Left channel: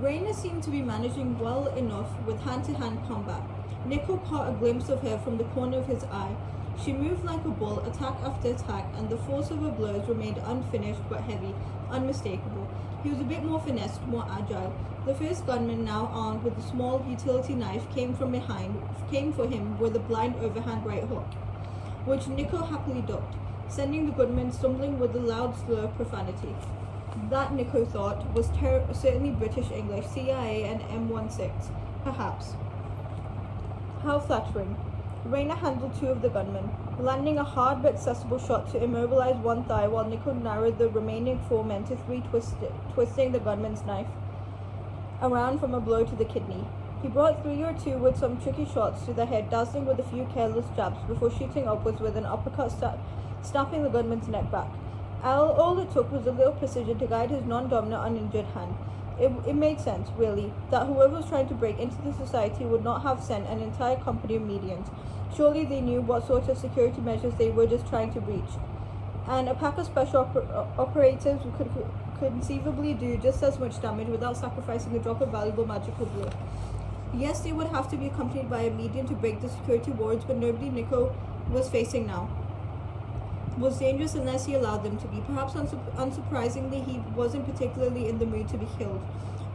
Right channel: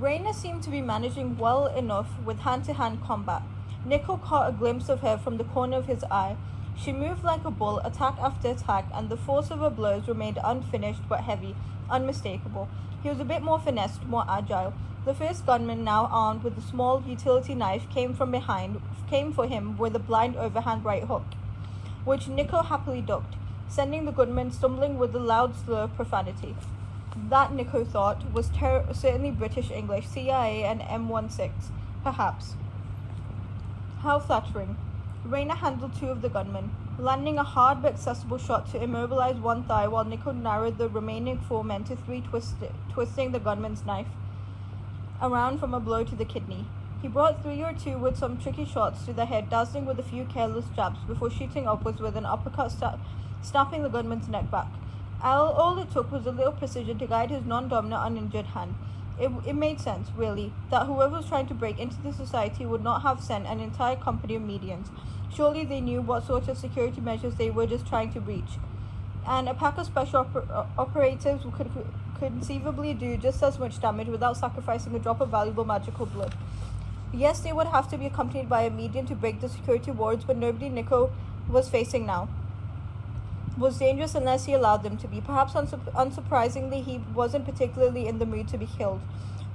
Raina seemed to be managing well enough with hand-to-hand combat. Nico caught a glimpse of her from the corner of his eye. She moved like a bull, attack after attack, and the force of her blows remained unfinished but heavy, unmistakable. He was a bit more finessed, more agile. The first gunman, now armed with a small utility knife, came from behind, came for him with a blind overhand right hook, which Nico happily ducked, sending the gunman stumbling with a loud slur of profanity. That, Nico thought, was certainly British English, CIA and M16, perhaps. How flattering. Raina handled two of the gunmen, landing a hard but accessible shot to immobilize one thigh while Nico narrowed the remaining four men to three, twisting the gunman's knife around from a blow to the kidney. He brought three or two with some tricky shots to the head, dazzling with a few careless jabs before shooting upwards with an uppercut, snapping the gunman's neck back. All it took was a little precision to guide his non-dominant, uninjured hand. It made sense, really, that whoever was trying to break into the society would not have sent an entire company of medians. Surely they knew what sort of security measures they were just trying to breach. And a pack of special operatives could conceivably do just as much damage without sacrificing a drop of valuable magical blood. Yes, they would have to be accompanied by a median to break the security wards, but nobody Nico was facing now was dangerous unless he allowed them to be. Perhaps unsurprisingly, he wasn't particularly in the mood to be killed.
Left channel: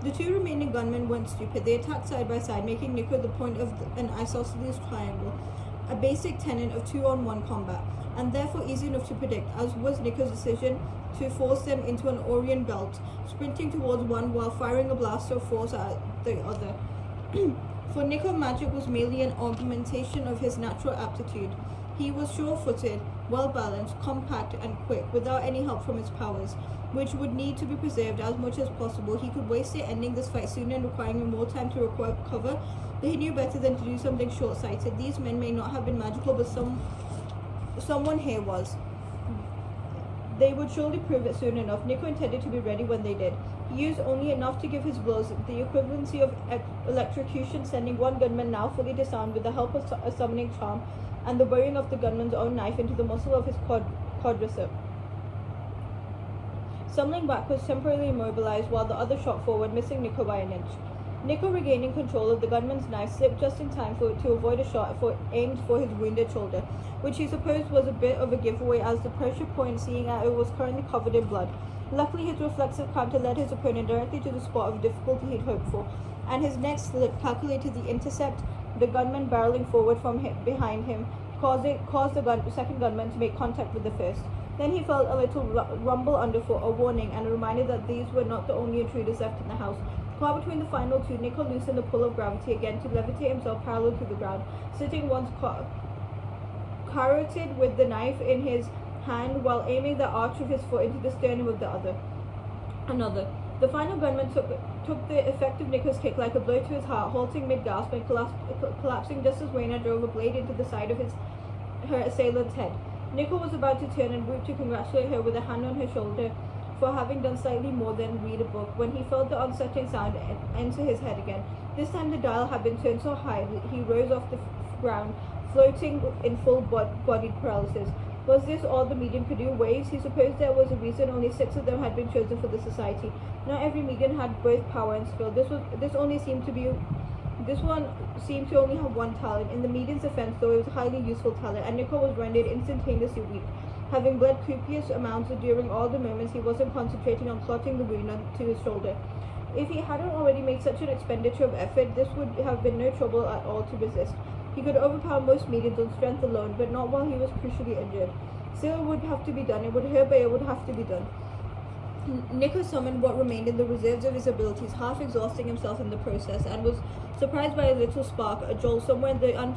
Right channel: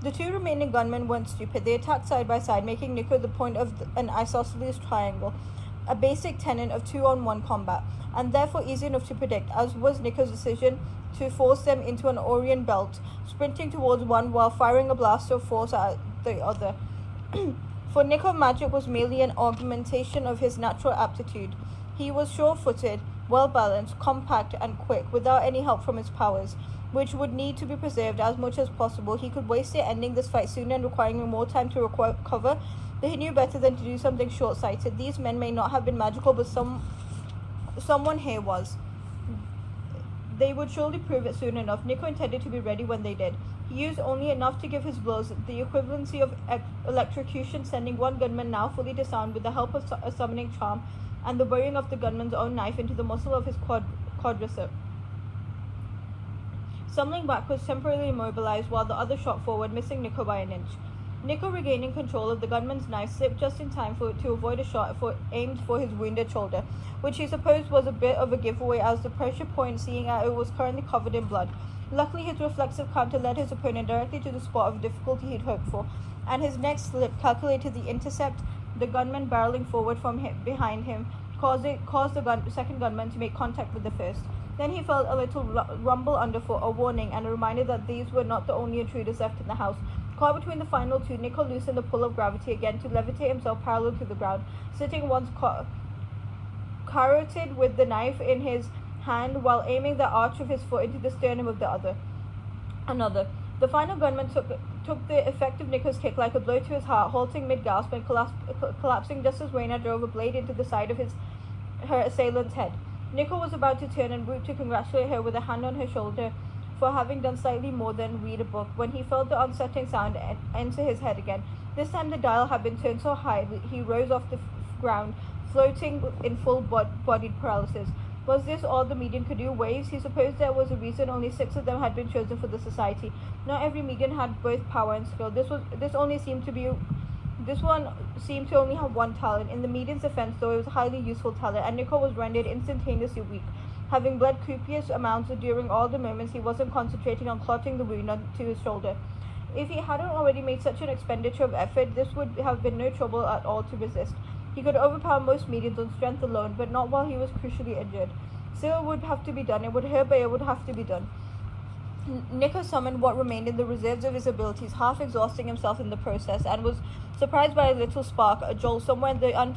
The two remaining gunmen weren't stupid. They attacked side by side, making Nico the point of an isosceles triangle, a basic tenet of 2-on-1 combat, and therefore easy enough to predict, as was Nico's decision to force them into an Orient belt, sprinting towards one while firing a blast of force at the other. For Nico, magic was merely an augmentation of his natural aptitude. He was sure-footed, well-balanced, compact, and quick, without any help from his powers, which would need to be preserved as much as possible. He could waste it ending this fight sooner and requiring more time to recover, but he knew better than to do something short-sighted. These men may not have been magical, but someone here was. They would surely prove it soon enough. Nico intended to be ready when they did. He used only enough to give his blows the equivalency of electrocution, sending one gunman, now fully disarmed, with the help of a summoning charm, and the burying of the gunman's own knife into the muscle of his quadricep. Stumbling backwards, temporarily immobilized, while the other shot forward, missing Nico by an inch. Nico, regaining control of the gunman's knife, slipped just in time to avoid a shot aimed for his wounded shoulder, which he supposed was a bit of a giveaway as the pressure point, seeing as it was currently covered in blood. Luckily, his reflexive counter led his opponent directly to the spot of difficulty he'd hoped for, and his next slip calculated the intercept, the gunman barreling forward from behind him, caused the second gunman to make contact with the first. Then he felt a little rumble underfoot, a warning, and a reminder that these were not the only intruders left in the house. Caught between the final two, Nico loosened the pull of gravity again to levitate himself parallel to the ground, sitting once carotid with the knife in his hand while aiming the arch of his foot into the sternum of the other. Another. The final gunman took the effect of Nico's kick like a blow to his heart, halting mid-gasp and collapsing just as Raina drove a blade into the side of her assailant's head. Nico was about to turn and whoop to congratulate her with a hand on her shoulder for having done slightly more than read a book, when he felt the unsettling sound enter his head again. This time the dial had been turned so high he rose off the ground, floating in full-bodied paralysis. Was this all the medium could do? Waves? He supposed there was a reason only 6 of them had been chosen for the society. Not every medium had both power and skill. This one seemed to only have one talent. In the medium's defense, though, it was a highly useful talent, and Nico was rendered instantaneously weak, having bled copious amounts during all the moments he wasn't concentrating on clotting the wound onto his shoulder. If he hadn't already made such an expenditure of effort, this would have been no trouble at all to resist. He could overpower most mediums on strength alone, but not while he was crucially injured. Still, it would have to be done. It would hurt, but it would have to be done. Nico summoned what remained in the reserves of his abilities, half exhausting himself in the process, and was surprised by a little spark, a jolt somewhere in the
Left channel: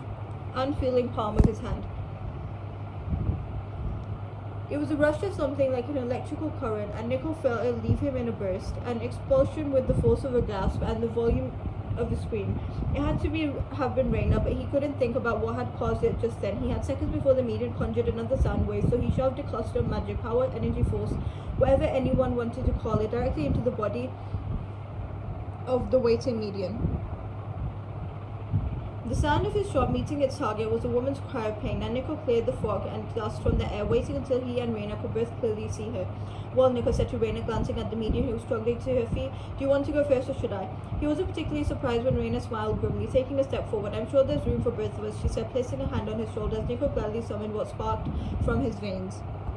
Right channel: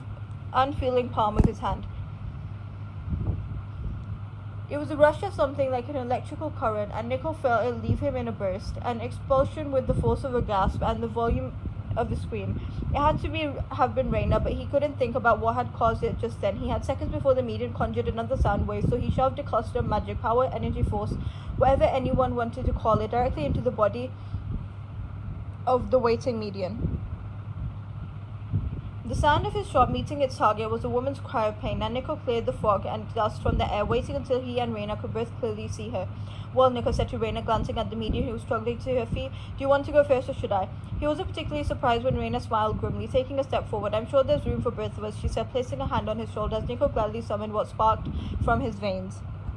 unfeeling palm of his hand. It was a rush of something like an electrical current, and Nico felt it leave him in a burst, an expulsion with the force of a gasp and the volume of a scream. It had to have been Raina, but he couldn't think about what had caused it just then. He had seconds before the medium conjured another sound wave, so he shoved a cluster of magic, power, energy, force, whatever anyone wanted to call it, directly into the body of the waiting medium. The sound of his shot meeting its target was a woman's cry of pain, and Nico cleared the fog and dust from the air, waiting until he and Raina could both clearly see her. Well, Nico said to Raina, glancing at the medium who was struggling to her feet, do you want to go first or should I? He wasn't particularly surprised when Raina smiled grimly, taking a step forward. I'm sure there's room for both of us, she said, placing a hand on his shoulder as Nico gladly summoned what sparked from his veins.